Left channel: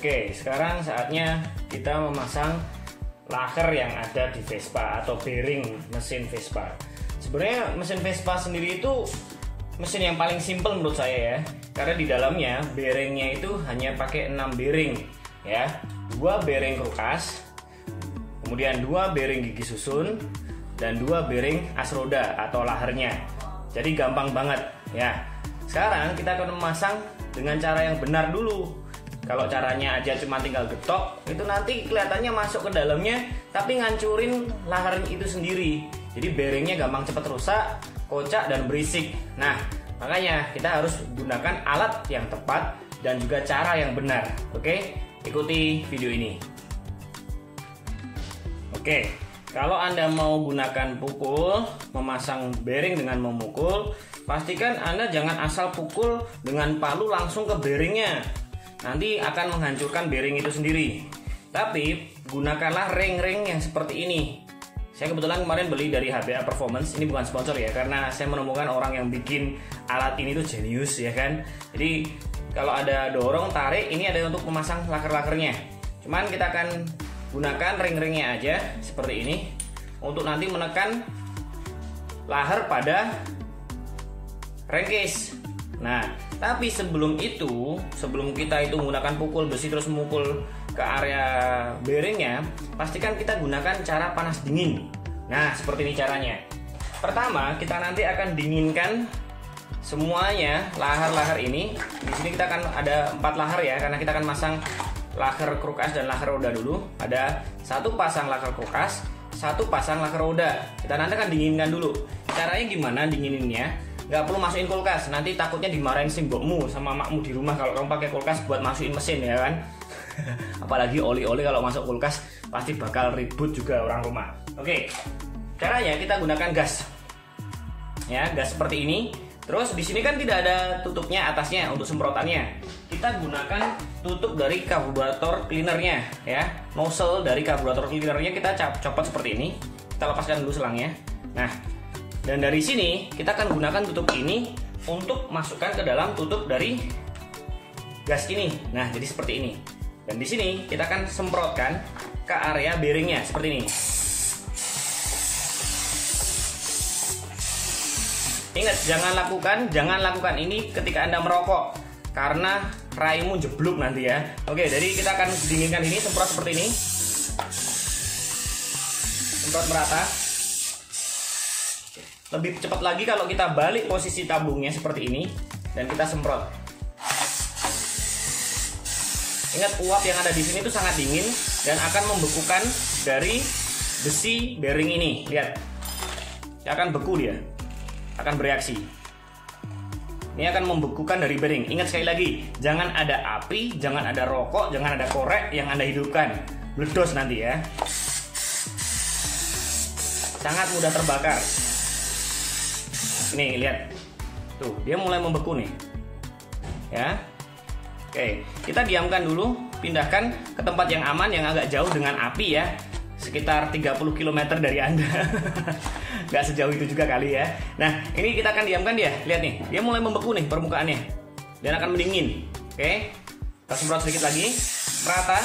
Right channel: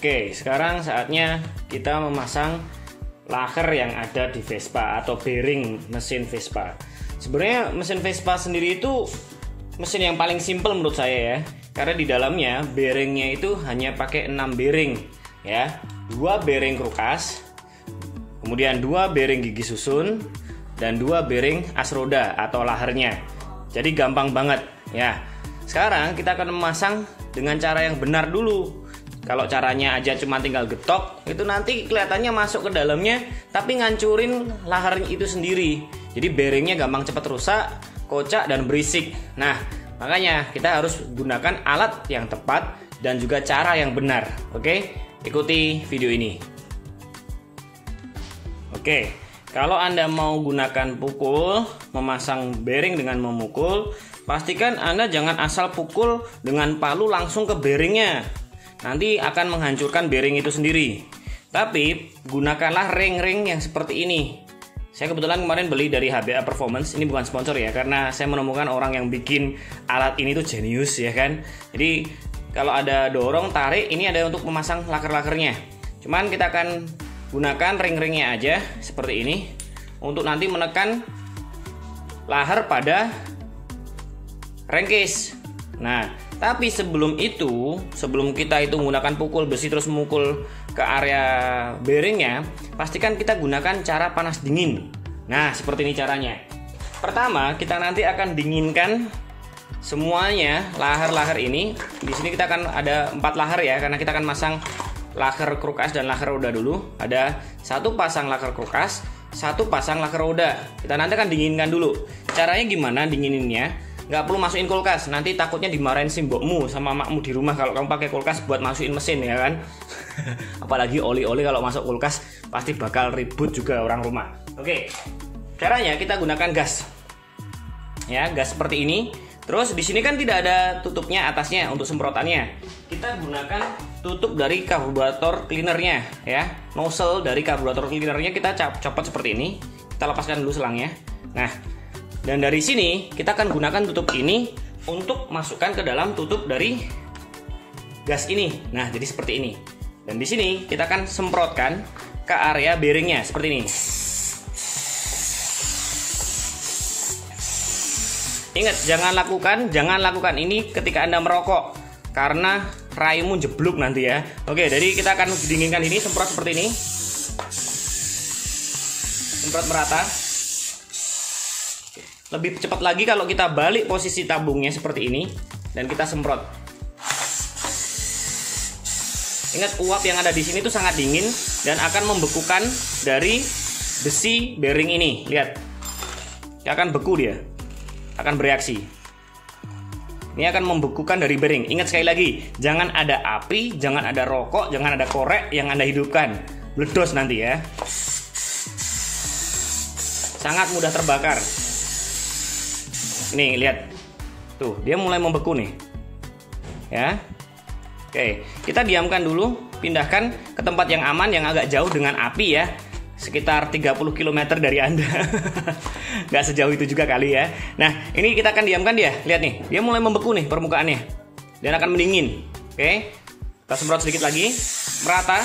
Oke, sekarang saatnya kita memasang laher yang ada di Vespa atau bearing mesin Vespa. Sebenarnya mesin Vespa sendiri itu mesin yang paling simpel menurut saya ya, karena di dalamnya bearingnya itu hanya pakai 6 bearing ya, 2 bearing krukas, kemudian 2 bearing gigi susun, dan 2 bearing as roda atau lahernya. Jadi gampang banget ya. Sekarang kita akan memasang dengan cara yang benar dulu. Kalau caranya aja cuma tinggal getok, itu nanti kelihatannya masuk ke dalamnya tapi ngancurin laharnya itu sendiri. Jadi bearingnya gampang cepat rusak, kocak dan berisik. Nah, makanya kita harus gunakan alat yang tepat dan juga cara yang benar. Oke, ikuti video ini. Oke, kalau Anda mau gunakan pukul, memasang bearing dengan memukul, pastikan Anda jangan asal pukul dengan palu langsung ke bearingnya. Nanti akan menghancurkan bearing itu sendiri. Tapi gunakanlah ring-ring yang seperti ini. Saya kebetulan kemarin beli dari HBA Performance. Ini bukan sponsor ya, karena saya menemukan orang yang bikin alat ini tuh jenius ya kan. Jadi kalau ada dorong tarik, ini ada untuk memasang laker-lakernya. Cuman kita akan gunakan ring-ringnya aja seperti ini untuk nanti menekan laher pada rengkis. Nah, tapi sebelum kita menggunakan pukul besi terus memukul ke area bearingnya, pastikan kita gunakan cara panas dingin. Nah, seperti ini caranya. Pertama, kita nanti akan dinginkan semuanya laher-laher ini. Di sini kita akan ada 4 laher ya, karena kita akan masang laher krukas dan laher roda dulu. Ada 1 pasang laher krukas, 1 pasang laher roda. Kita nanti akan dinginkan dulu. Caranya gimana dingininnya? Nggak perlu masukin kulkas, nanti takutnya dimarahin simbokmu sama makmu di rumah kalau kamu pakai kulkas buat masukin mesin ya kan. Apalagi oli-oli kalau masuk kulkas pasti bakal ribut juga orang rumah. Oke, caranya kita gunakan gas ya, gas seperti ini. Terus di sini kan tidak ada tutupnya atasnya untuk semprotannya. Kita gunakan tutup dari karburator cleanernya ya, nozzle dari karburator cleanernya kita copot seperti ini. Kita lepaskan dulu selangnya. Nah, dan dari sini kita akan gunakan tutup ini untuk masukkan ke dalam tutup dari gas ini. Nah, jadi seperti ini. Dan di sini kita akan semprotkan ke area bearingnya seperti ini. Ingat, jangan lakukan ini ketika Anda merokok, karena raimu jeblok nanti ya. Oke, jadi kita akan dinginkan ini, semprot seperti ini. Semprot merata. Lebih cepat lagi kalau kita balik posisi tabungnya seperti ini dan kita semprot. Ingat, uap yang ada di sini itu sangat dingin dan akan membekukan dari besi bearing ini. Lihat, dia akan beku, dia akan bereaksi. Ini akan membekukan dari bearing. Ingat sekali lagi, jangan ada api, jangan ada rokok, jangan ada korek yang Anda hidupkan. Meledos nanti ya. Sangat mudah terbakar. Nih lihat, tuh dia mulai membeku nih ya. Oke, kita diamkan dulu, pindahkan ke tempat yang aman yang agak jauh dengan api ya, sekitar 30 km dari Anda. Nggak sejauh itu juga kali ya. Nah, ini kita akan diamkan dia. Lihat nih, dia mulai membeku nih permukaannya dan akan mendingin. Oke, kita semprot sedikit lagi merata.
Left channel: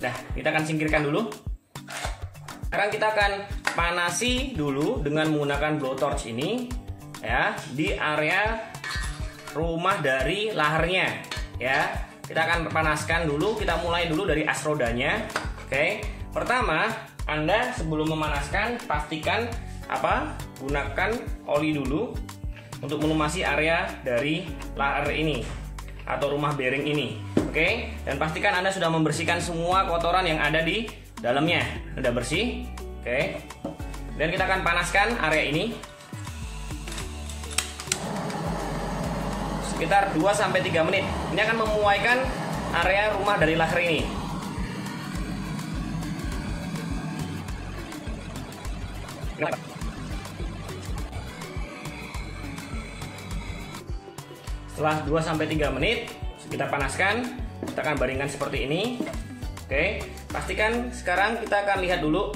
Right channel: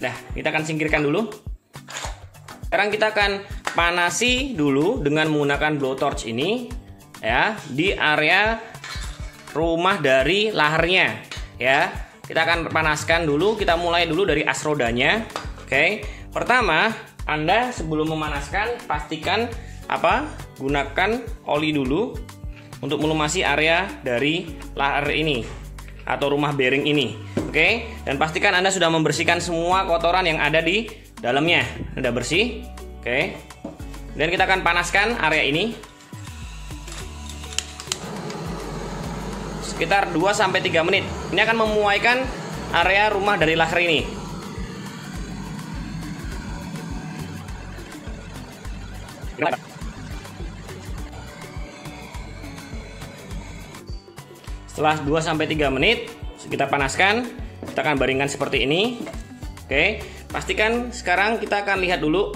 Nah, kita akan singkirkan dulu. Sekarang kita akan panasi dulu dengan menggunakan blowtorch ini ya, di area rumah dari laharnya ya. Kita akan panaskan dulu, kita mulai dulu dari as rodanya. Oke, pertama Anda sebelum memanaskan pastikan gunakan oli dulu untuk melumasi area dari lahar ini atau rumah bearing ini. Oke, dan pastikan Anda sudah membersihkan semua kotoran yang ada di dalamnya. Udah bersih. Oke, dan kita akan panaskan area ini sekitar 2-3 menit. Ini akan memuaikan area rumah dari laher ini. Setelah 2-3 menit kita panaskan, kita akan baringkan seperti ini. Oke, pastikan sekarang kita akan lihat dulu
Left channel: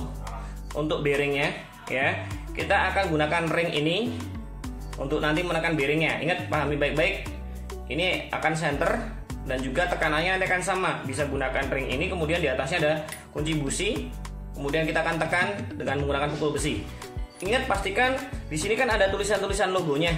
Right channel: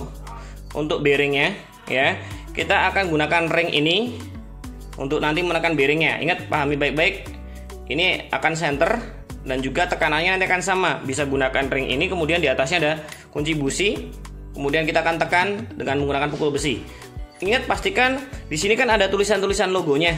untuk bearingnya ya. Kita akan gunakan ring ini untuk nanti menekan bearingnya. Ingat, pahami baik-baik, ini akan center dan juga tekanannya nanti akan sama. Bisa gunakan ring ini, kemudian di atasnya ada kunci busi, kemudian kita akan tekan dengan menggunakan pukul besi. Ingat, pastikan di sini kan ada tulisan-tulisan logonya.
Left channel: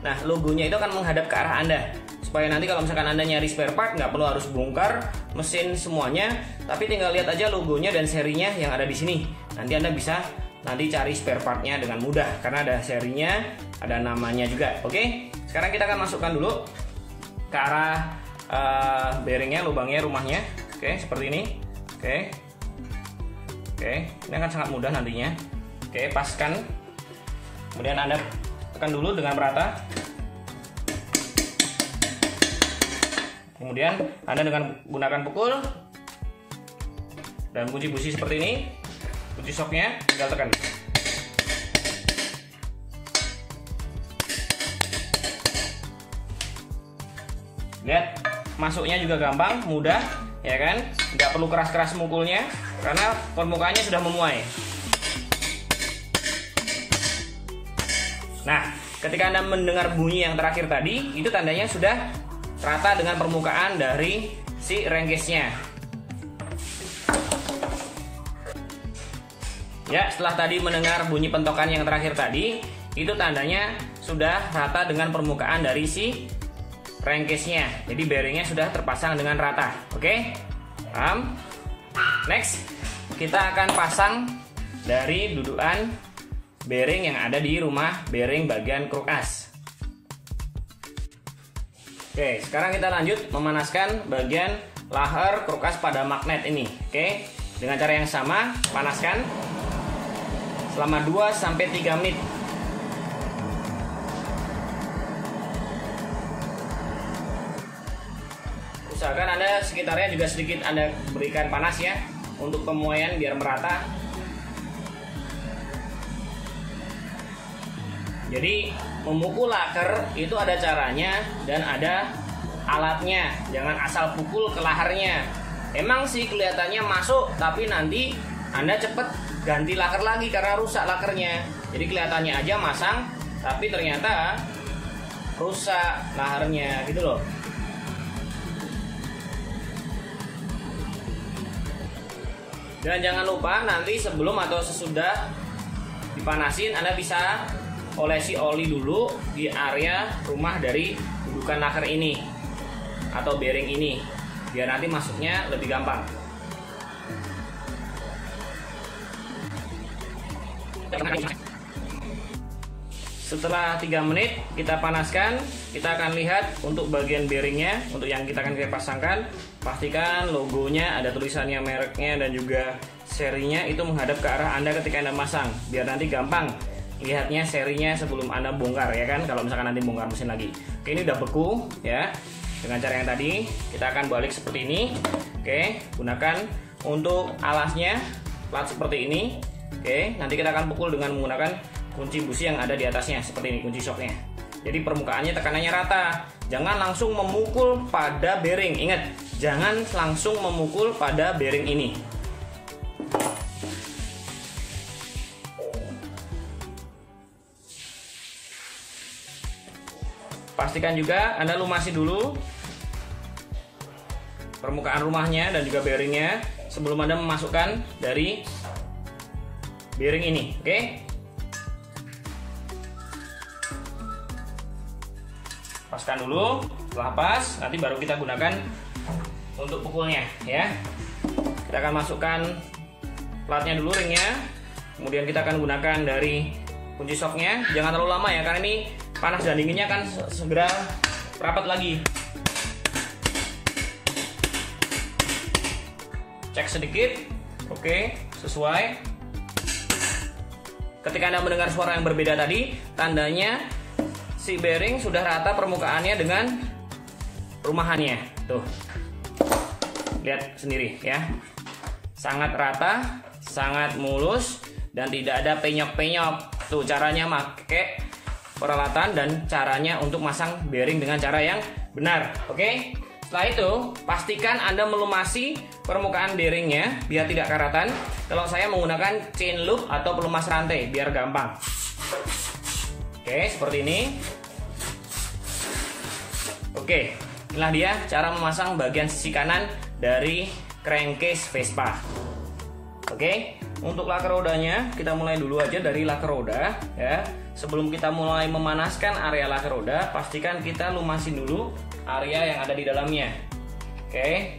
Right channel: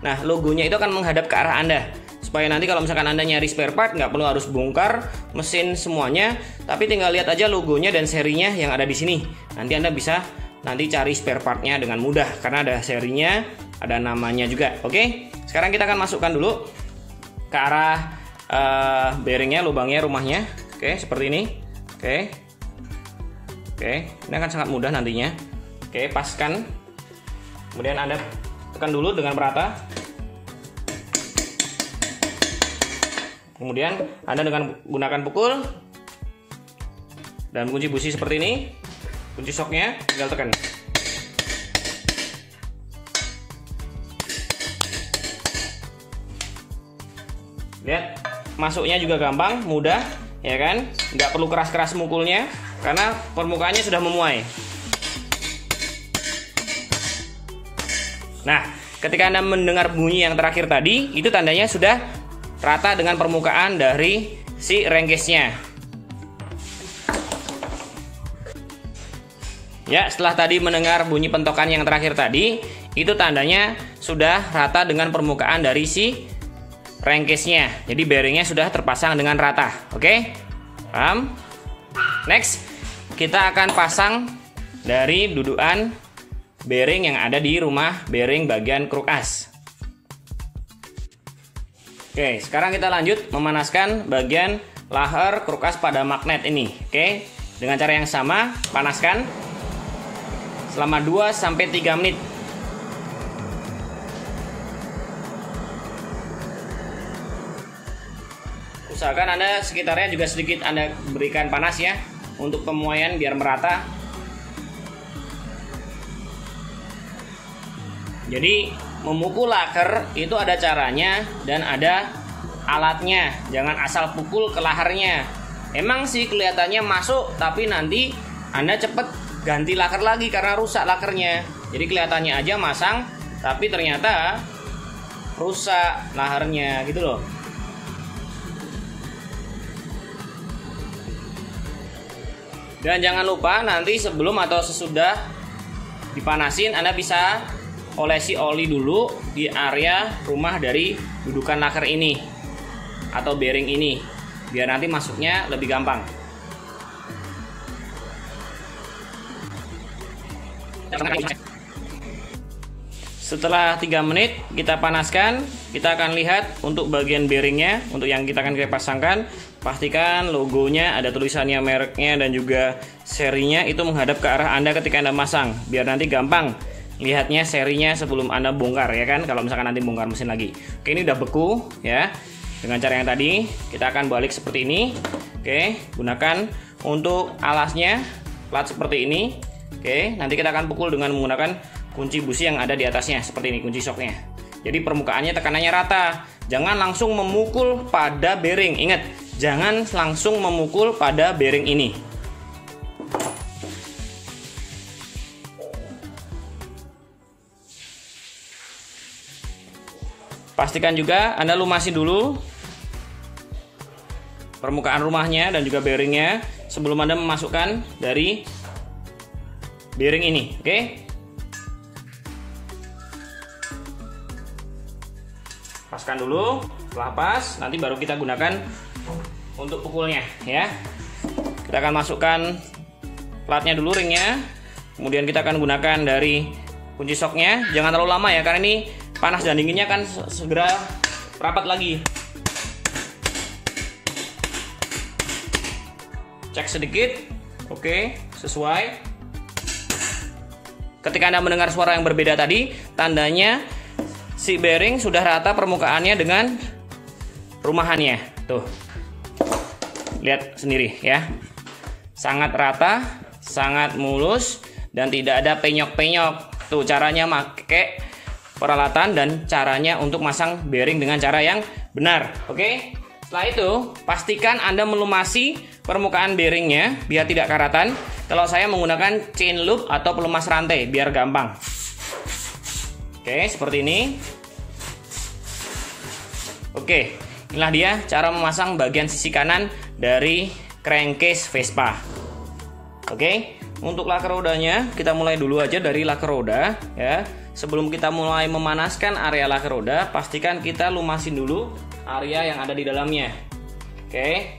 Nah, logonya itu akan menghadap ke arah Anda, supaya nanti kalau misalkan Anda nyari spare part nggak perlu harus bongkar mesin semuanya, tapi tinggal lihat aja logonya dan serinya yang ada di sini. Nanti Anda bisa cari spare partnya dengan mudah karena ada serinya, ada namanya juga. Oke, sekarang kita akan masukkan dulu ke arah bearingnya, lubangnya, rumahnya. Oke, seperti ini. Oke, ini akan sangat mudah nantinya. Oke, paskan. Kemudian Anda tekan dulu dengan merata. Kemudian Anda dengan gunakan pukul dan kunci busi seperti ini. Kunci shocknya tinggal tekan. Lihat, masuknya juga gampang, mudah, ya kan? Nggak perlu keras-keras mukulnya karena permukaannya sudah memuai. Nah, ketika Anda mendengar bunyi yang terakhir tadi, itu tandanya sudah rata dengan permukaan dari si renggesnya. Ya, setelah tadi mendengar bunyi pentokan yang terakhir tadi, itu tandanya sudah rata dengan permukaan dari si renggesnya. Jadi bearingnya sudah terpasang dengan rata. Oke? Paham? Next, kita akan pasang dari dudukan bearing yang ada di rumah bearing bagian kruk as. Oke, sekarang kita lanjut memanaskan bagian laher kruk as pada magnet ini. Oke, dengan cara yang sama, panaskan selama 2-3 menit. Usahakan Anda sekitarnya juga sedikit Anda berikan panas ya, untuk pemuaian biar merata. Jadi memukul laker itu ada caranya dan ada alatnya. Jangan asal pukul ke lahernya. Emang sih kelihatannya masuk, tapi nanti Anda cepet ganti laker lagi karena rusak lakernya. Jadi kelihatannya aja masang, tapi ternyata rusak lahernya gitu loh. Dan jangan lupa nanti sebelum atau sesudah dipanasin Anda bisa olesi oli dulu di area rumah dari dudukan laker ini atau bearing ini, biar nanti masuknya lebih gampang. Setelah 3 menit kita panaskan, kita akan lihat untuk bagian bearingnya. Untuk yang kita akan pasangkan, pastikan logonya, ada tulisannya, mereknya, dan juga serinya itu menghadap ke arah Anda ketika Anda masang, biar nanti gampang lihatnya serinya sebelum Anda bongkar, ya kan, kalau misalkan nanti bongkar mesin lagi. Oke, ini udah beku ya. Dengan cara yang tadi kita akan balik seperti ini. Oke, gunakan untuk alasnya plat seperti ini. Oke, nanti kita akan pukul dengan menggunakan kunci busi yang ada di atasnya seperti ini, kunci shocknya. Jadi permukaannya tekanannya rata. Jangan langsung memukul pada bearing. Ingat, jangan langsung memukul pada bearing ini. Pastikan juga Anda lumasi dulu permukaan rumahnya dan juga bearingnya sebelum Anda memasukkan dari bearing ini. Oke? Paskan dulu, setelah pas nanti baru kita gunakan untuk pukulnya ya. Kita akan masukkan platnya dulu, ringnya, kemudian kita akan gunakan dari kunci shocknya. Jangan terlalu lama ya, karena ini panas dan dinginnya akan segera rapat lagi. Cek sedikit, oke, sesuai. Ketika Anda mendengar suara yang berbeda tadi, tandanya si bearing sudah rata permukaannya dengan rumahannya. Tuh, lihat sendiri ya, sangat rata, sangat mulus, dan tidak ada penyok-penyok. Tuh caranya pakai peralatan dan caranya untuk masang bearing dengan cara yang benar. Oke, setelah itu pastikan Anda melumasi permukaan bearingnya biar tidak karatan. Kalau saya menggunakan chain loop atau pelumas rantai biar gampang. Oke, seperti ini. Oke, inilah dia cara memasang bagian sisi kanan dari crankcase Vespa. Oke, untuk laker rodanya kita mulai dulu aja dari laker roda ya. Sebelum kita mulai memanaskan area laker roda, pastikan kita lumasin dulu area yang ada di dalamnya. Oke,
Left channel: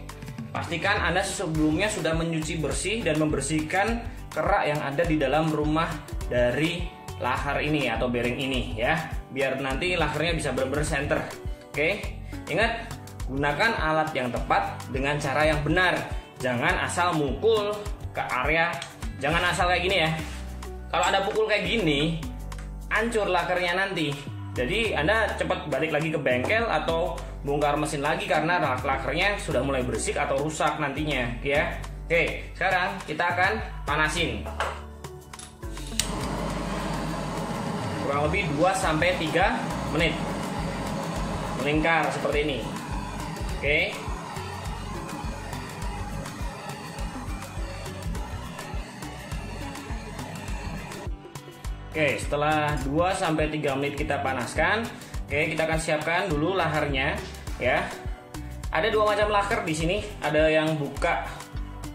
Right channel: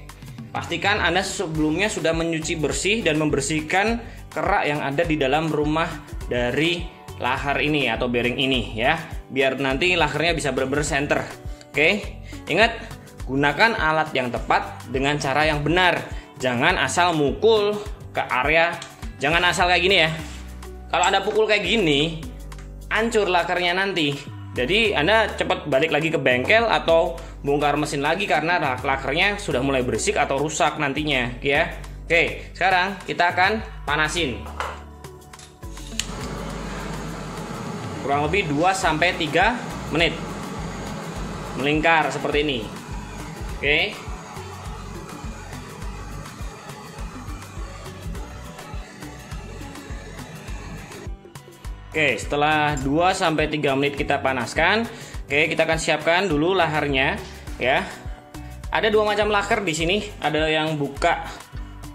pastikan Anda sebelumnya sudah mencuci bersih dan membersihkan kerak yang ada di dalam rumah dari lahar ini atau bearing ini ya, biar nanti lakernya bisa benar-benar center. Oke, ingat, gunakan alat yang tepat dengan cara yang benar. Jangan asal mukul ke area, jangan asal kayak gini ya. Kalau Anda pukul kayak gini, hancur lakernya nanti. Jadi Anda cepat balik lagi ke bengkel atau bongkar mesin lagi karena lakernya sudah mulai bersih atau rusak nantinya ya. Oke, sekarang kita akan panasin. Kurang lebih 2-3 menit. Melingkar seperti ini. Oke. Oke, setelah 2-3 menit kita panaskan, oke, kita akan siapkan dulu laharnya ya. Ada dua macam laker di sini, ada yang buka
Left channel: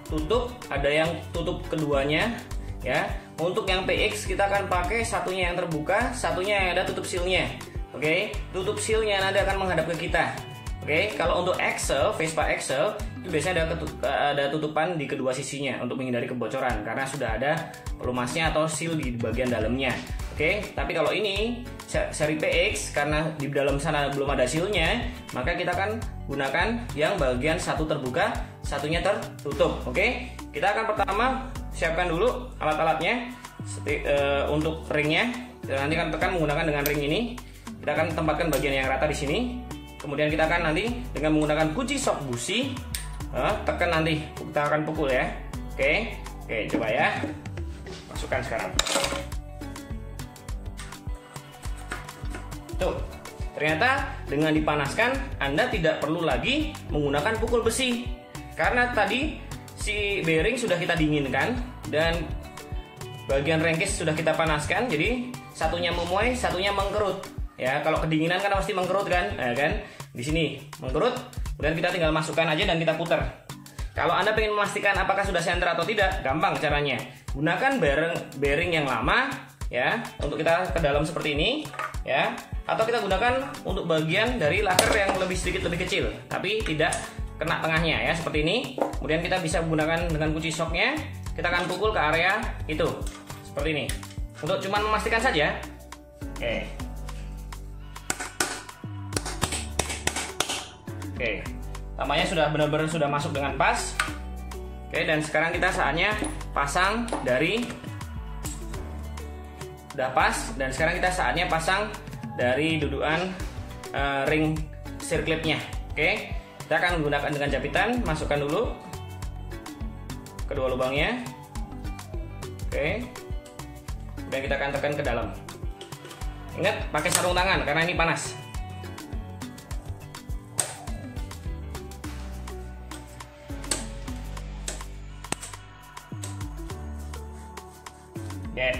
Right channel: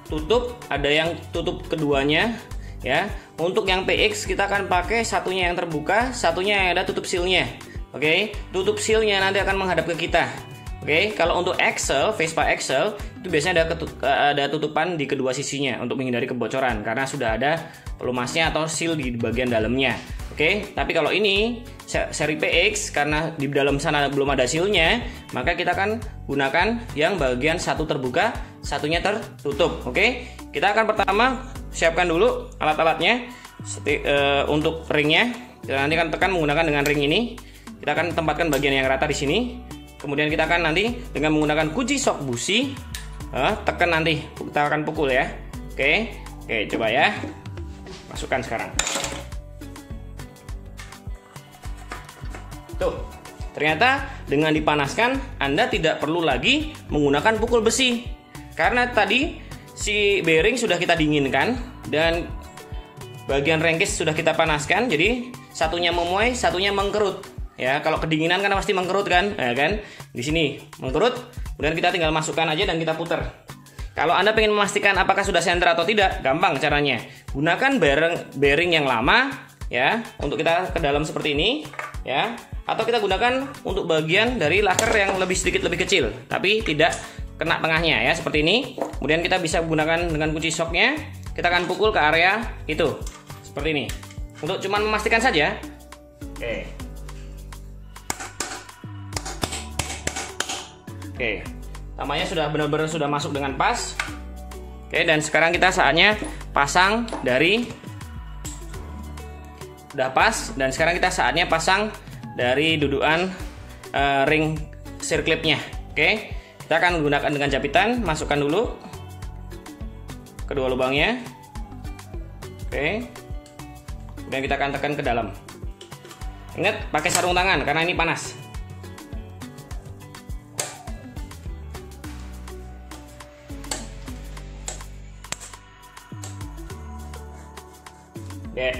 tutup, ada yang tutup keduanya ya. Untuk yang PX kita akan pakai satunya yang terbuka, satunya yang ada tutup sealnya. Oke, tutup sealnya nanti akan menghadap ke kita. Oke, kalau untuk Excel, Vespa Excel itu biasanya ada tutupan di kedua sisinya untuk menghindari kebocoran karena sudah ada pelumasnya atau seal di bagian dalamnya. Oke, tapi kalau ini seri PX karena di dalam sana belum ada sealnya, maka kita akan gunakan yang bagian satu terbuka, satunya tertutup. Oke, kita akan pertama siapkan dulu alat-alatnya. Untuk ringnya, kita nanti akan tekan menggunakan dengan ring ini. Kita akan tempatkan bagian yang rata di sini. Kemudian kita akan nanti dengan menggunakan kunci sok busi tekan, nanti kita akan pukul ya. Oke, coba ya, masukkan sekarang. Tuh, ternyata dengan dipanaskan Anda tidak perlu lagi menggunakan pukul besi karena tadi si bearing sudah kita dinginkan dan bagian crankcase sudah kita panaskan. Jadi satunya memuai, satunya mengkerut. Ya, kalau kedinginan kan pasti mengkerut kan, ya kan? Di sini mengkerut, kemudian kita tinggal masukkan aja dan kita putar. Kalau Anda ingin memastikan apakah sudah center atau tidak, gampang caranya. Gunakan bearing yang lama, ya, untuk kita ke dalam seperti ini, ya. Atau kita gunakan untuk bagian dari laker yang sedikit lebih kecil, tapi tidak kena tengahnya, ya, seperti ini. Kemudian kita bisa gunakan dengan kunci shocknya, kita akan pukul ke area itu, seperti ini. Untuk cuman memastikan saja. Oke, tamanya sudah benar-benar sudah masuk dengan pas. Oke, dan sekarang kita saatnya pasang dari udah pas, dan sekarang kita saatnya pasang dari dudukan ring circlipnya. Oke, kita akan gunakan dengan japitan, masukkan dulu kedua lubangnya. Oke, kemudian kita akan tekan ke dalam. Ingat, pakai sarung tangan karena ini panas. Ya,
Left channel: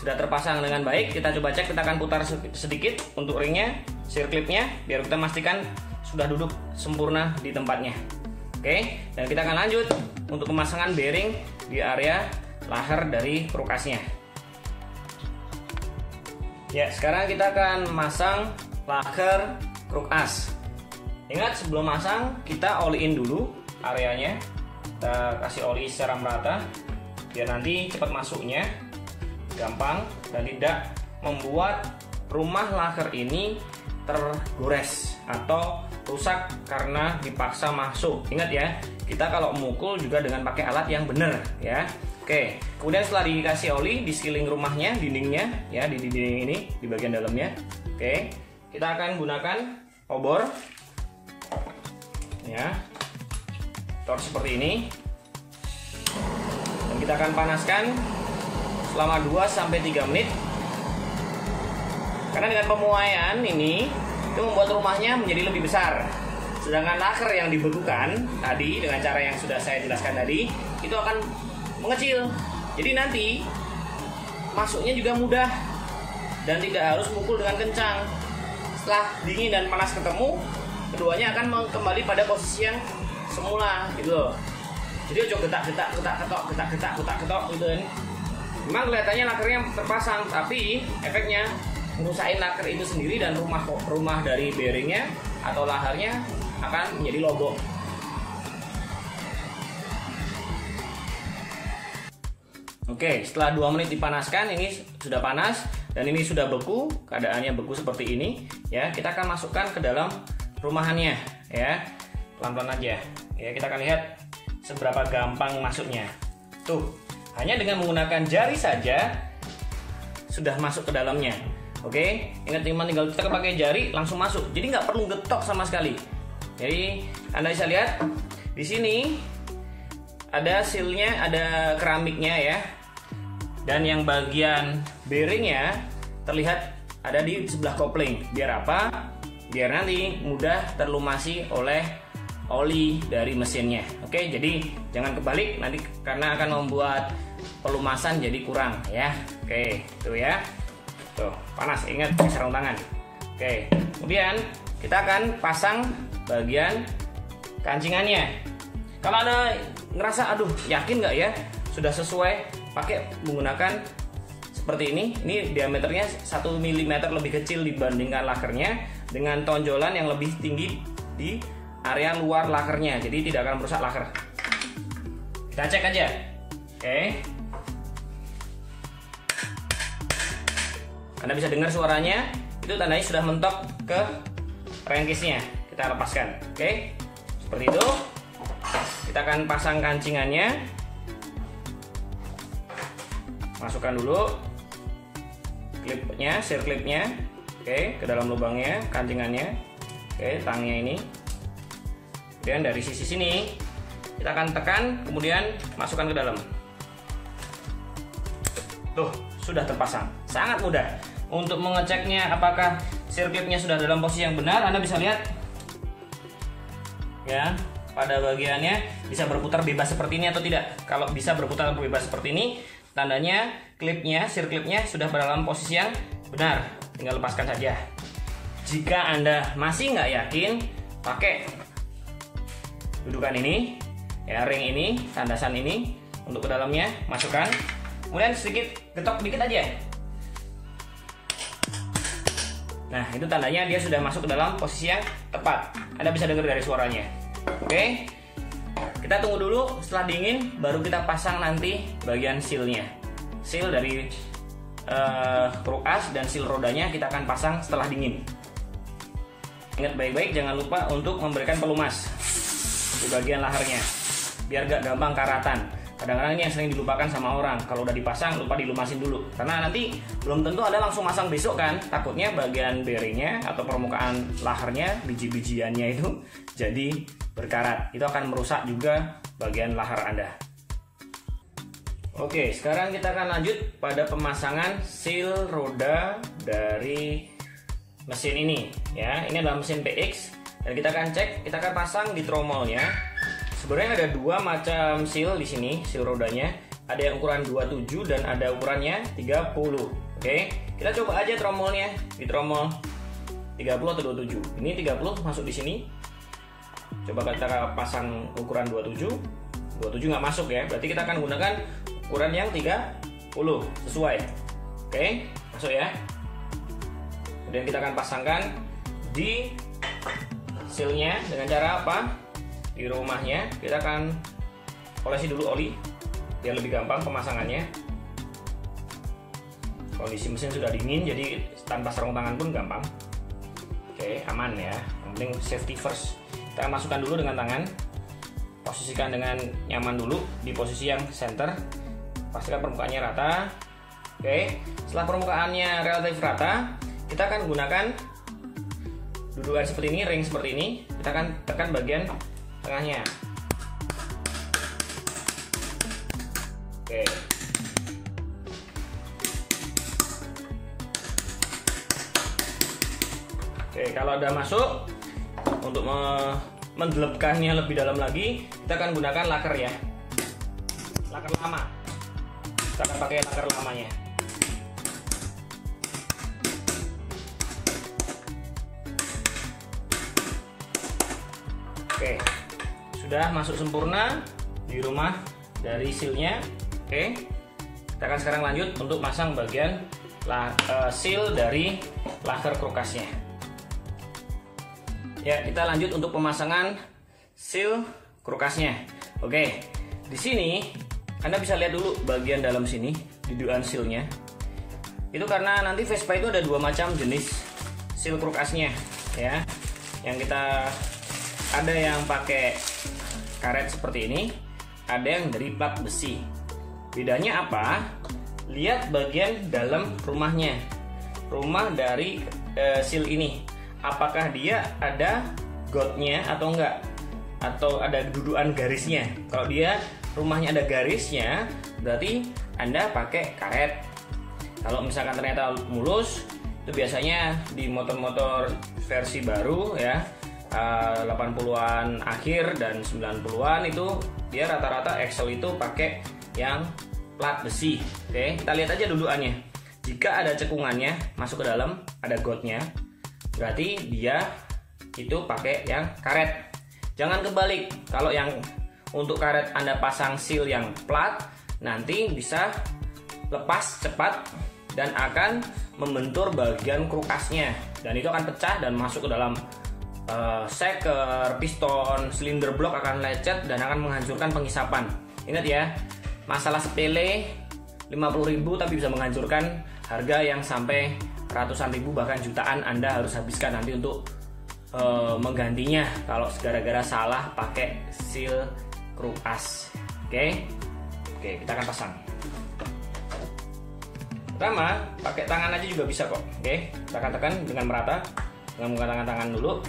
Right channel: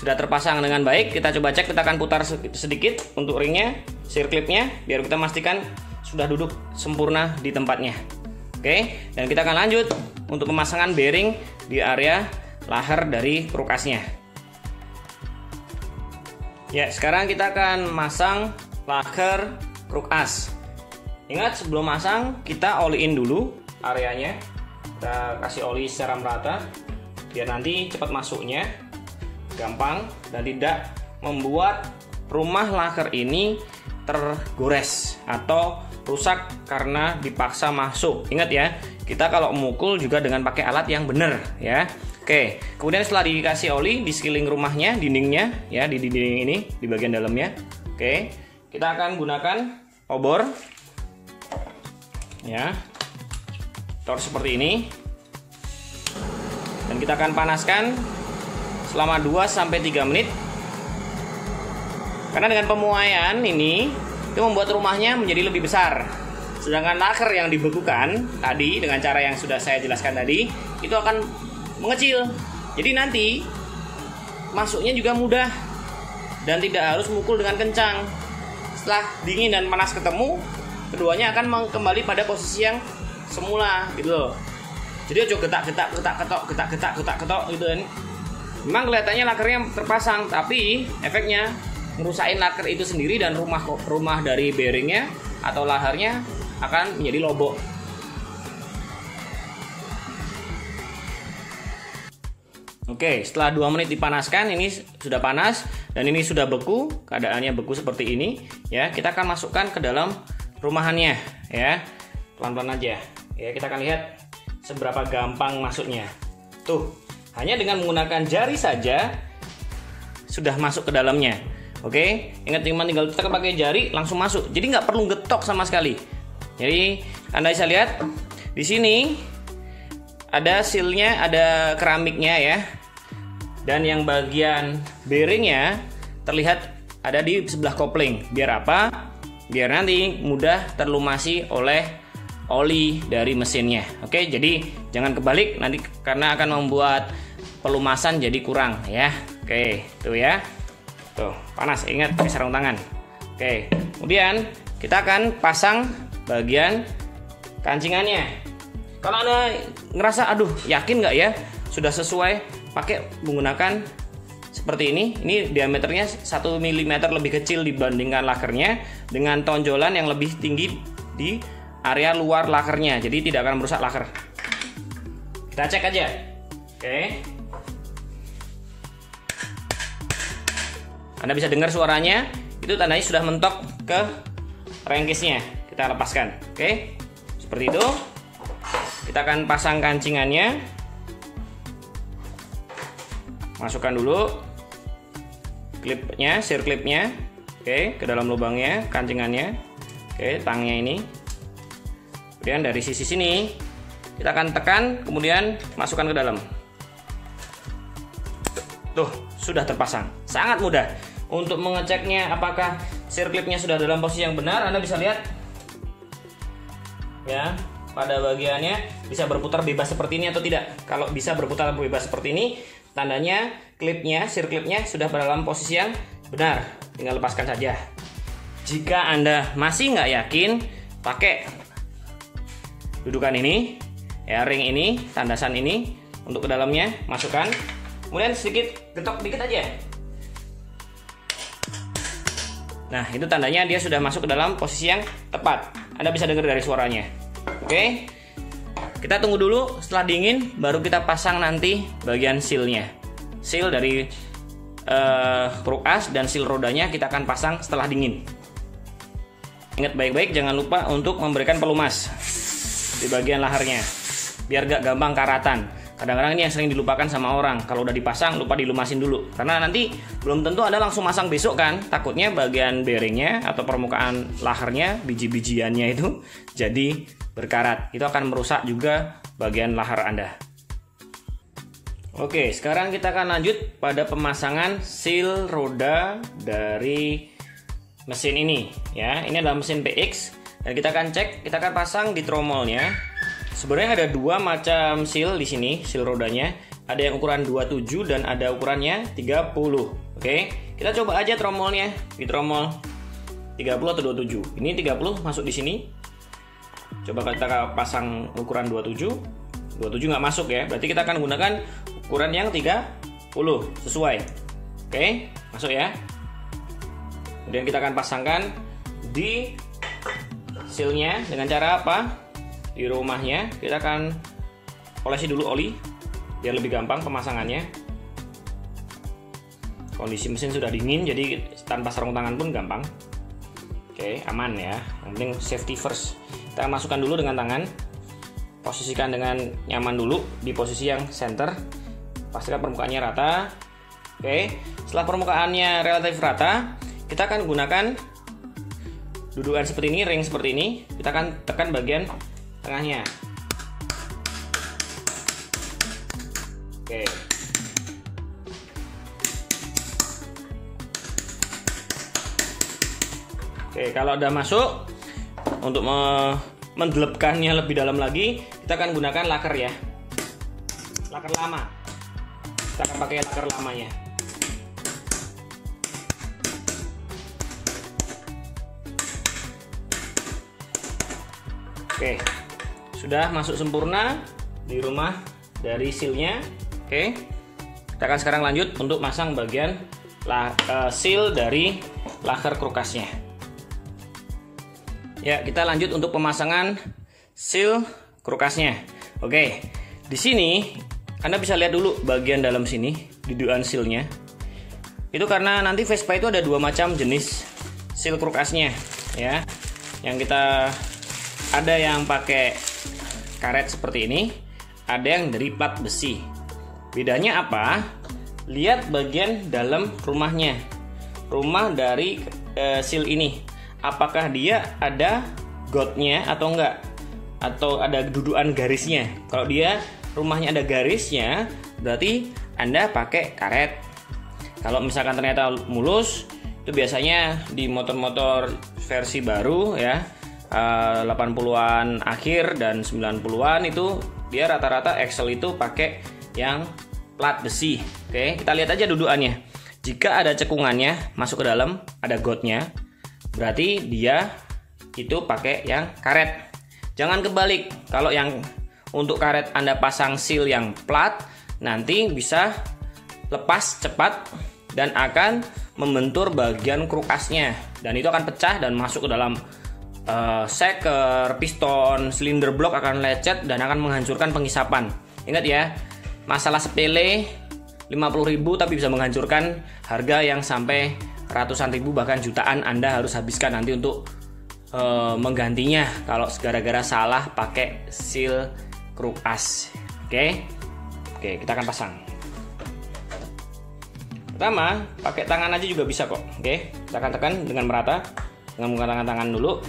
sudah terpasang dengan baik. Kita coba cek, kita akan putar sedikit untuk ringnya, circlipnya, biar kita pastikan sudah duduk sempurna di tempatnya. Oke, dan kita akan lanjut untuk pemasangan bearing di area lahar dari krukasnya. Ya, sekarang kita akan masang lahar krukas. Ingat, sebelum masang kita oli in dulu areanya. Kita kasih oli secara merata biar nanti cepat masuknya, gampang, dan tidak membuat rumah laker ini tergores atau rusak karena dipaksa masuk. Ingat ya, kita kalau memukul juga dengan pakai alat yang benar ya. Oke, kemudian setelah dikasih oli di sekeliling rumahnya, dindingnya ya, di dinding ini di bagian dalamnya. Oke, kita akan gunakan obor ya, seperti ini, dan kita akan panaskan selama 2-3 menit. Karena dengan pemuaian ini itu membuat rumahnya menjadi lebih besar. Sedangkan laker yang dibekukan tadi dengan cara yang sudah saya jelaskan tadi itu akan mengecil. Jadi nanti masuknya juga mudah dan tidak harus mukul dengan kencang. Setelah dingin dan panas ketemu, keduanya akan kembali pada posisi yang semula gitu loh. Jadi aja getak-getak gitu kan. Memang kelihatannya lakernya terpasang, tapi efeknya ngerusakin laker itu sendiri dan rumah dari bearingnya atau laharnya akan menjadi lobok. Oke, setelah 2 menit dipanaskan, ini sudah panas dan ini sudah beku, keadaannya beku seperti ini ya. Kita akan masukkan ke dalam rumahannya ya. Pelan-pelan aja. Ya, kita akan lihat seberapa gampang masuknya. Tuh, hanya dengan menggunakan jari saja sudah masuk ke dalamnya. Oke, ingat teman, tinggal tekan pakai jari langsung masuk. Jadi nggak perlu getok sama sekali. Jadi Anda bisa lihat di sini ada sealnya, ada keramiknya ya. Dan yang bagian bearingnya terlihat ada di sebelah kopling. Biar apa? Biar nanti mudah terlumasi oleh oli dari mesinnya. Oke, jadi jangan kebalik nanti karena akan membuat pelumasan jadi kurang ya. Oke, tuh ya. Tuh, panas, ingat pakai sarung tangan. Oke, kemudian kita akan pasang bagian kancingannya. Kalau Anda ngerasa aduh yakin nggak ya sudah sesuai, pakai menggunakan seperti ini. Ini diameternya 1 mm lebih kecil dibandingkan lakernya dengan tonjolan yang lebih tinggi di area luar lakernya, jadi tidak akan merusak laker. Kita cek aja. Oke. Anda bisa dengar suaranya, itu tandanya sudah mentok ke rengkisnya. Kita lepaskan. Oke. Seperti itu. Kita akan pasang kancingannya. Masukkan dulu klipnya, sear klipnya. Oke, ke dalam lubangnya, kancingannya. Oke, tangnya ini. Kemudian dari sisi sini kita akan tekan, kemudian masukkan ke dalam. Tuh, sudah terpasang. Sangat mudah. Untuk mengeceknya apakah sear clipnya sudah dalam posisi yang benar, Anda bisa lihat ya, pada bagiannya bisa berputar bebas seperti ini atau tidak. Kalau bisa berputar bebas seperti ini, tandanya klipnya, sear clipnya sudah dalam posisi yang benar. Tinggal lepaskan saja. Jika Anda masih nggak yakin, pakai dudukan ini, ya, ring ini, tandasan ini untuk ke dalamnya, masukkan. Kemudian sedikit getok dikit aja. Nah, itu tandanya dia sudah masuk ke dalam posisi yang tepat. Anda bisa dengar dari suaranya. Oke. Kita tunggu dulu, setelah dingin baru kita pasang nanti bagian sealnya. Seal dari kruk as dan seal rodanya kita akan pasang setelah dingin. Ingat baik-baik, jangan lupa untuk memberikan pelumas di bagian laharnya biar gak gampang karatan. Kadang-kadang ini yang sering dilupakan sama orang, kalau udah dipasang lupa dilumasin dulu karena nanti belum tentu Anda langsung masang besok kan. Takutnya bagian bearingnya atau permukaan laharnya, biji-bijiannya itu jadi berkarat. Itu akan merusak juga bagian lahar Anda. Oke, sekarang kita akan lanjut pada pemasangan seal roda dari mesin ini ya. Ini adalah mesin PX dan kita akan cek, kita akan pasang di tromolnya. Sebenarnya ada dua macam seal di sini, seal rodanya. Ada yang ukuran 27 dan ada ukurannya 30. Oke, kita coba aja tromolnya di tromol 30 atau 27. Ini 30 masuk di sini. Coba kita pasang ukuran 27. 27 nggak masuk ya. Berarti kita akan gunakan ukuran yang 30 sesuai. Oke, masuk ya. Kemudian kita akan pasangkan di sealnya dengan cara apa? Di rumahnya kita akan olesi dulu oli biar lebih gampang pemasangannya. Kondisi mesin sudah dingin jadi tanpa sarung tangan pun gampang. Oke, aman ya. Yang penting safety first. Kita masukkan dulu dengan tangan. Posisikan dengan nyaman dulu di posisi yang center. Pastikan permukaannya rata. Oke, setelah permukaannya relatif rata, kita akan gunakan dudukan seperti ini, ring seperti ini. Kita akan tekan bagian tengahnya. Oke. Oke, kalau udah masuk, untuk mendelepkannya lebih dalam lagi, kita akan gunakan laker ya. Laker lama. Kita akan pakai laker lamanya. Oke, sudah masuk sempurna di rumah dari sealnya. Oke, kita akan sekarang lanjut untuk masang bagian seal dari laker kulkasnya. Ya, kita lanjut untuk pemasangan seal kulkasnya. Oke, di sini Anda bisa lihat dulu bagian dalam sini, dudukan sealnya. Itu karena nanti Vespa itu ada dua macam jenis seal kulkasnya, ya. Yang kita ada yang pakai karet seperti ini, ada yang dari plat besi. Bedanya apa? Lihat bagian dalam rumahnya, rumah dari seal ini. Apakah dia ada gotnya atau enggak? Atau ada dudukan garisnya? Kalau dia rumahnya ada garisnya, berarti Anda pakai karet. Kalau misalkan ternyata mulus, itu biasanya di motor-motor versi baru ya, 80-an akhir dan 90-an itu dia rata-rata axle itu pakai yang plat besi. Oke, kita lihat aja dudukannya. Jika ada cekungannya masuk ke dalam, ada gotnya, berarti dia itu pakai yang karet. Jangan kebalik. Kalau yang untuk karet Anda pasang seal yang plat, nanti bisa lepas cepat dan akan membentur bagian kulkasnya, dan itu akan pecah dan masuk ke dalam seker, piston, silinder blok akan lecet dan akan menghancurkan pengisapan. Ingat ya, masalah sepele 50.000 tapi bisa menghancurkan harga yang sampai ratusan ribu bahkan jutaan Anda harus habiskan nanti untuk menggantinya kalau gara-gara salah pakai seal kulkas. Oke, kita akan pasang. Pertama, pakai tangan aja juga bisa kok. Oke, kita akan tekan dengan merata dengan menggunakan tangan dulu.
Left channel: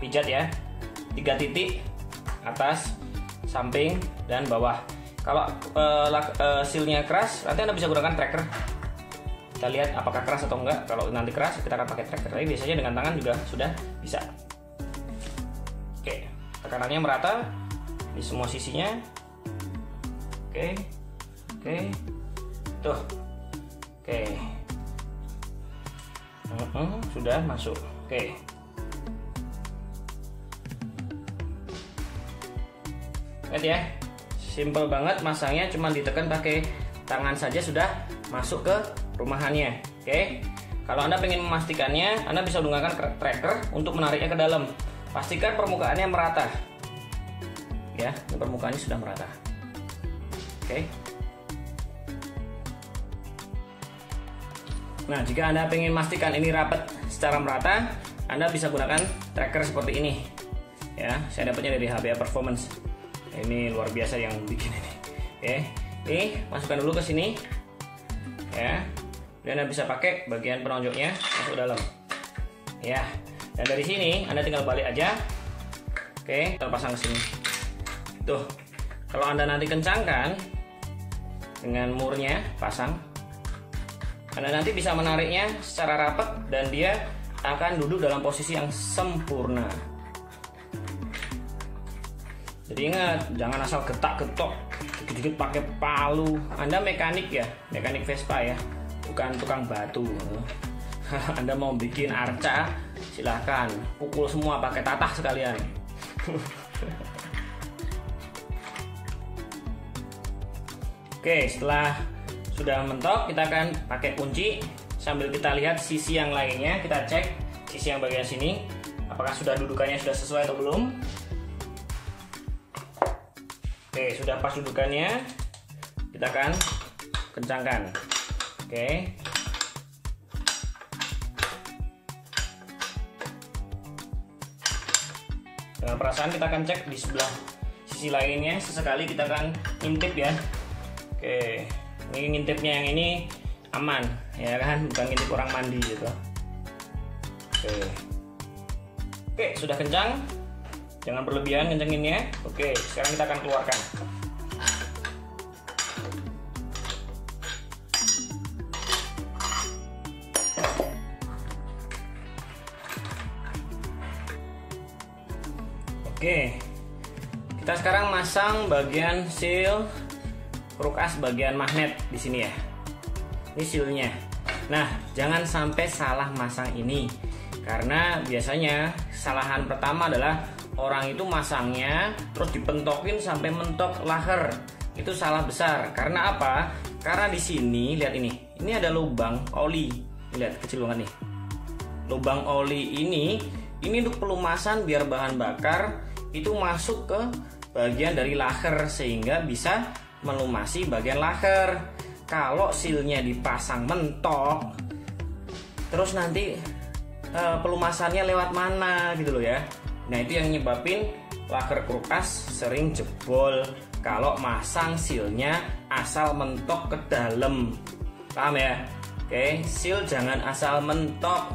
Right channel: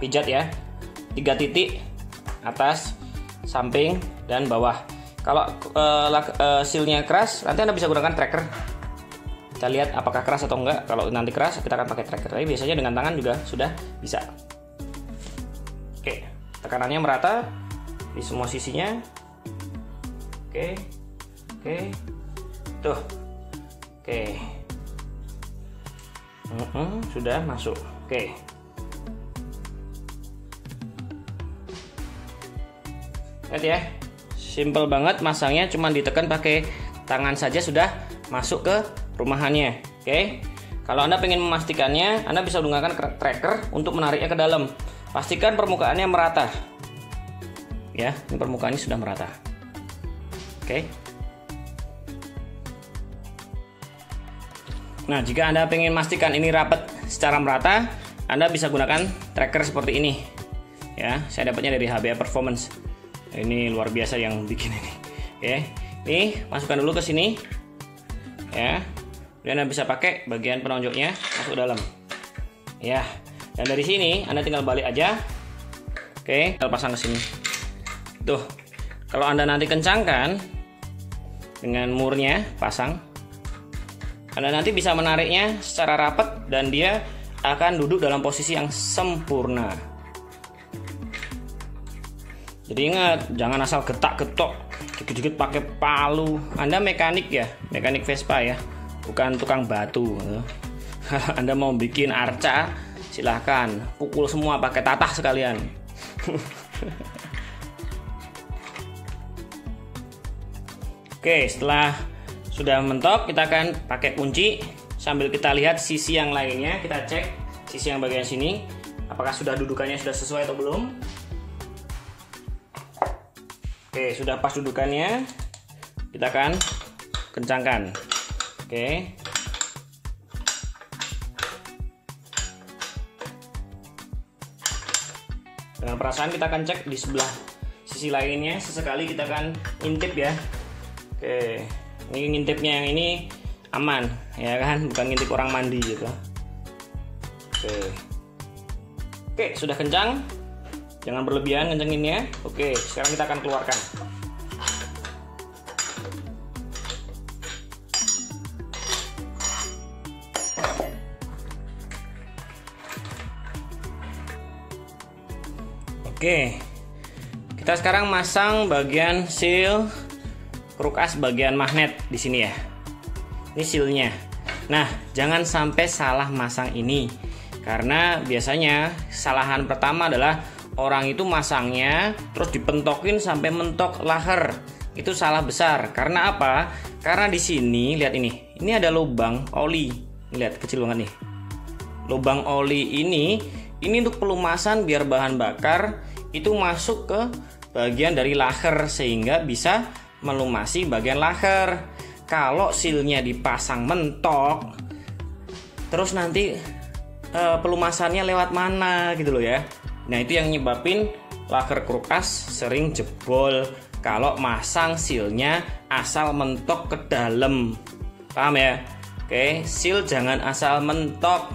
Pijat ya, 3 titik atas, samping, dan bawah. Kalau sealnya keras, nanti Anda bisa gunakan tracker. Kita lihat apakah keras atau enggak. Kalau nanti keras, kita akan pakai tracker. Tapi biasanya dengan tangan juga sudah bisa. Oke, tekanannya merata di semua sisinya. Oke, tuh. Oke, sudah masuk. Oke, lihat ya, simple banget masangnya, cuma ditekan pakai tangan saja sudah masuk ke rumahannya. Oke, kalau Anda ingin memastikannya, Anda bisa menggunakan tracker untuk menariknya ke dalam. Pastikan permukaannya merata. Ya, ini permukaannya sudah merata. Oke. Nah, jika Anda ingin memastikan ini rapat secara merata, Anda bisa gunakan tracker seperti ini. Ya, saya dapatnya dari HBA Performance. Ini luar biasa yang bikin ini. Oke, ini masukkan dulu ke sini. Ya, dan Anda bisa pakai bagian penonjoknya masuk ke dalam. Ya, dan dari sini Anda tinggal balik aja. Oke, kita pasang ke sini. Tuh, kalau Anda nanti kencangkan dengan murnya, pasang. Anda nanti bisa menariknya secara rapat dan dia akan duduk dalam posisi yang sempurna. Jadi ingat, jangan asal getak-getok, dikit-dikit pakai palu. Anda mekanik ya, mekanik Vespa ya, bukan tukang batu. Anda mau bikin arca, silahkan pukul semua pakai tatah sekalian. Oke, setelah sudah mentok, kita akan pakai kunci sambil kita lihat sisi yang lainnya. Kita cek sisi yang bagian sini, apakah sudah dudukannya sudah sesuai atau belum. Oke, sudah pas dudukannya, kita akan kencangkan. Oke, dengan perasaan kita akan cek di sebelah sisi lainnya. Sesekali kita akan intip ya. Oke, ini ngintipnya yang ini aman ya kan, bukan ngintip orang mandi gitu. Oke, sudah kencang, jangan berlebihan kencenginnya. Oke, sekarang kita akan keluarkan. Oke, kita sekarang masang bagian seal kulkas bagian magnet di sini ya. Ini sealnya. Nah, jangan sampai salah masang ini, karena biasanya kesalahan pertama adalah orang itu masangnya terus dipentokin sampai mentok laher. Itu salah besar. Karena apa? Karena di sini lihat ini. Ini ada lubang oli. Lihat kecil banget nih. Lubang oli ini untuk pelumasan biar bahan bakar itu masuk ke bagian dari laher sehingga bisa melumasi bagian laher. Kalau silnya dipasang mentok, terus nanti pelumasannya lewat mana gitu loh ya. Nah, itu yang nyebabin laher kulkas sering jebol kalau masang silnya asal mentok ke dalam. Paham ya? Oke, seal jangan asal mentok.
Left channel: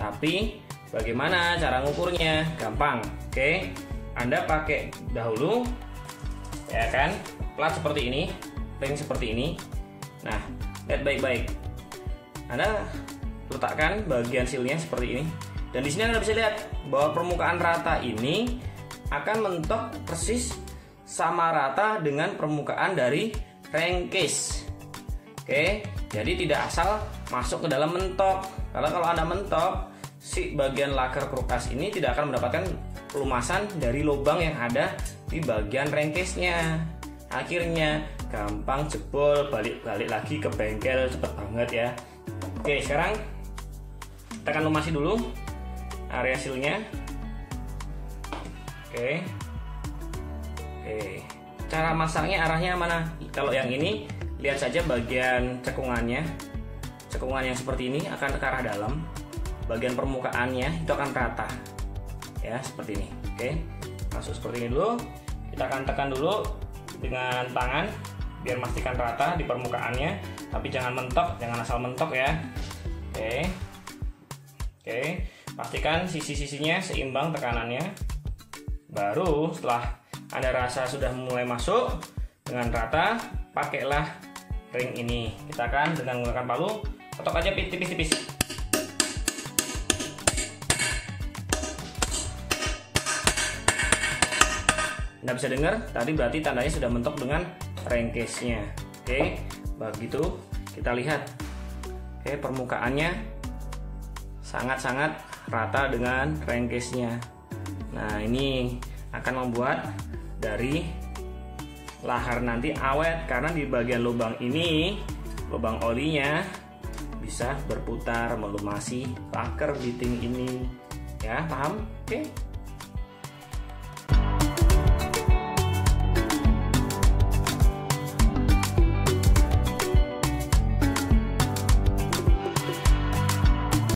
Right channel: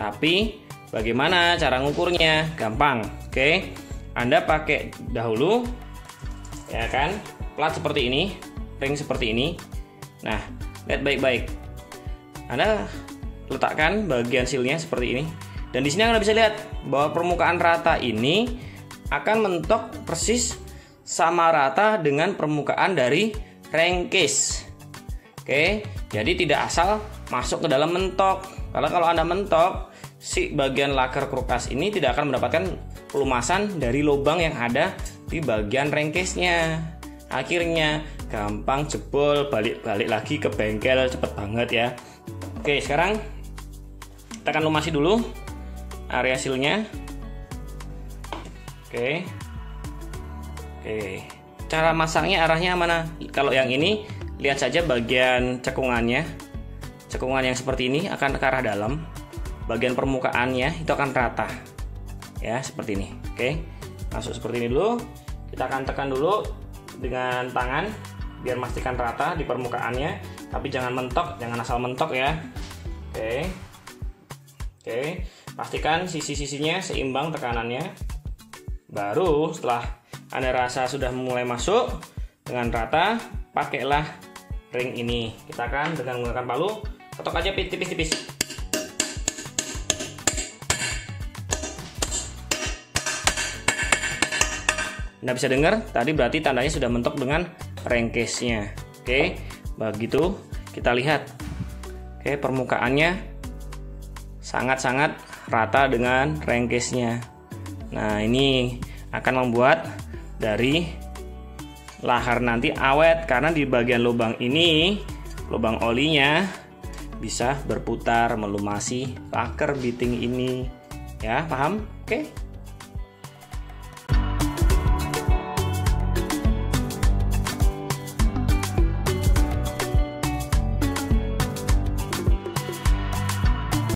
Tapi bagaimana cara ngukurnya? Gampang. Oke. Anda pakai dahulu ya kan, plat seperti ini, ring seperti ini. Nah, lihat baik-baik. Anda letakkan bagian sealnya seperti ini. Dan di sini Anda bisa lihat bahwa permukaan rata ini akan mentok persis sama rata dengan permukaan dari crankcase. Oke, jadi tidak asal masuk ke dalam mentok. Kalau Anda mentok, si bagian laker kulkas ini tidak akan mendapatkan pelumasan dari lubang yang ada di bagian crankcase-nya. Akhirnya gampang jebol, balik lagi ke bengkel cepet banget ya. Oke, sekarang kita akan lumasi dulu area sealnya. Oke, cara masangnya arahnya mana? Kalau yang ini lihat saja bagian cekungannya. Cekungan yang seperti ini akan ke arah dalam. Bagian permukaannya itu akan rata. Ya, seperti ini. Oke. Masuk seperti ini dulu. Kita akan tekan dulu dengan tangan biar memastikan rata di permukaannya, tapi jangan mentok, jangan asal mentok ya. Oke. Pastikan sisi-sisinya seimbang tekanannya. Baru setelah Anda rasa sudah mulai masuk dengan rata, pakailah ring ini. Kita akan dengan menggunakan palu, ketok aja tipis-tipis. Anda bisa dengar tadi berarti tandanya sudah mentok dengan crankcase-nya. Oke, begitu kita lihat. Oke, permukaannya sangat-sangat rata dengan crankcase-nya. Nah, ini akan membuat dari lahar nanti awet karena di bagian lubang ini, lubang olinya bisa berputar melumasi laker biting ini. Ya, paham? Oke.